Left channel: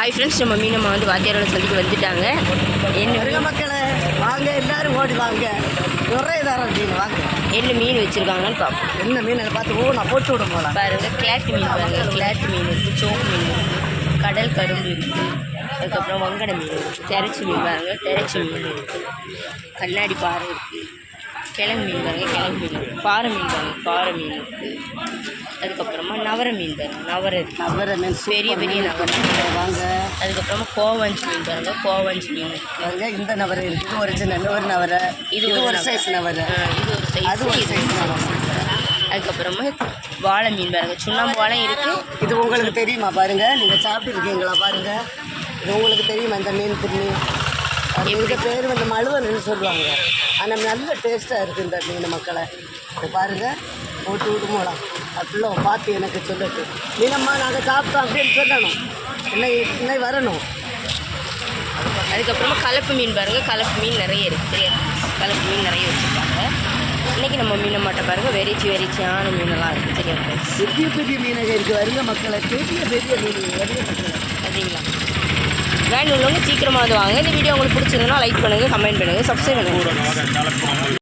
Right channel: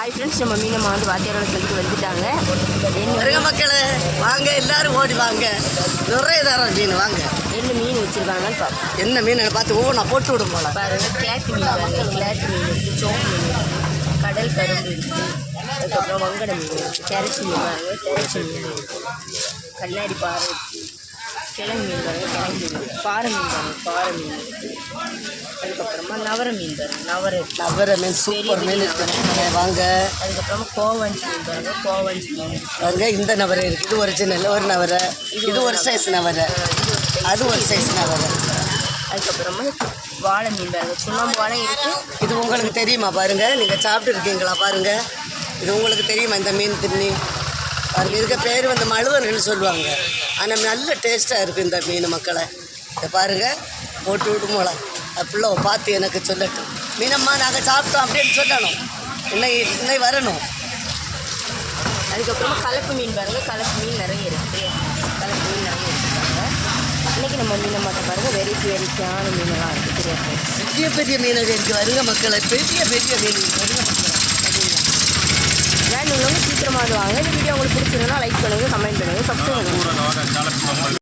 Hi friends, நம்ம மீனம்மா வந்து வாத்தியாரோட சொல்லிட்டு வந்துட்டாங்க. என்ன மக்களே வாங்க, எல்லாரும் ஓடி வாங்க, நிறைய தரம் மீன் வாங்க. என்ன மீன் வச்சுருக்காங்கன்னு பார்ப்போம். என்ன மீன் பார்த்து நான் போட்டு விட போகலாம். பாருங்கள், கிளாத்து மீன் பாருங்கள். கிளாத்து மீன் இருக்குது, சோப்பு மீன் இருக்குது, கடல் கரும்பு இருக்குது, அதுக்கப்புறம் வங்கடை மீன் இருக்குது, தெரச்சி மீன் பாருங்கள், தெரச்சி மீன் இருக்குது, கண்ணாடி பாறை இருக்குது, கிழங்கு மீன் பாருங்கள், கிழங்கு மீன் இருக்குது, பாறை மீன் பாருங்கள், பாறை மீன் இருக்குது, அதுக்கப்புறமா நவரை மீன் பாருங்கள், நவரை மீன் பெரிய பெரிய நவரை வாங்க. அதுக்கப்புறமா கோவஞ்சி மீன் பாருங்கள், கோவஞ்சி மீன் வாங்க. இந்த நவரை இருக்குது, ஒரிஜினல் ஒரு நவரை, இது ஒரு சைஸ் நவரை, இது ஒரு சைஸ், அது ஒரு சைஸ் நவரை. அதுக்கப்புறமா வாழை மீன் பாருங்கள், சுண்ணாம்பு வாழை இருக்குது. இது உங்களுக்கு தெரியுமா பாருங்கள், நீங்கள் சாப்பிட்டு இருக்கீங்களா பாருங்கள், இது உங்களுக்கு தெரியுமா இந்த மீன் திரும்பி? இதுக்கு பேர் வந்து மழுவன்னு சொல்லுவாங்க. ஆனால் நல்ல டேஸ்ட்டாக இருக்குது இந்த மீன் மக்களை. இதை பாருங்கள், போட்டு விடுமோலாம் அப்படிள்ள பார்த்து எனக்கு சொல்லட்டும். மீனம்மா நாங்கள் சாப்பிட்டோம் அப்படின்னு சொல்லணும், இன்னை வரணும். அதுக்கப்புறமா கலப்பு மீன் பாருங்கள், கலப்பு மீன் நிறைய இருக்குது, கலப்பு மீன் நிறைய வச்சுருக்காங்க. இன்றைக்கி நம்ம மீனம்மாட்ட பாருங்கள், வெரைட்டியான மீனெல்லாம் இருக்குது. தெரியாது, பெரிய பெரிய மீனங்க இருக்குது. வரிக மக்களை, பெரிய பெரிய மீன் வரிக மக்கள் சரிங்களா? வேணும் உள்ளவங்க சீக்கிரமாக வந்து வாங்க. இந்த வீடியோ உங்களுக்கு பிடிச்சிருந்தா லைக் பண்ணுங்கள், கமெண்ட் பண்ணுங்கள், சப்ஸ்கிரைப் பண்ணுங்கள்.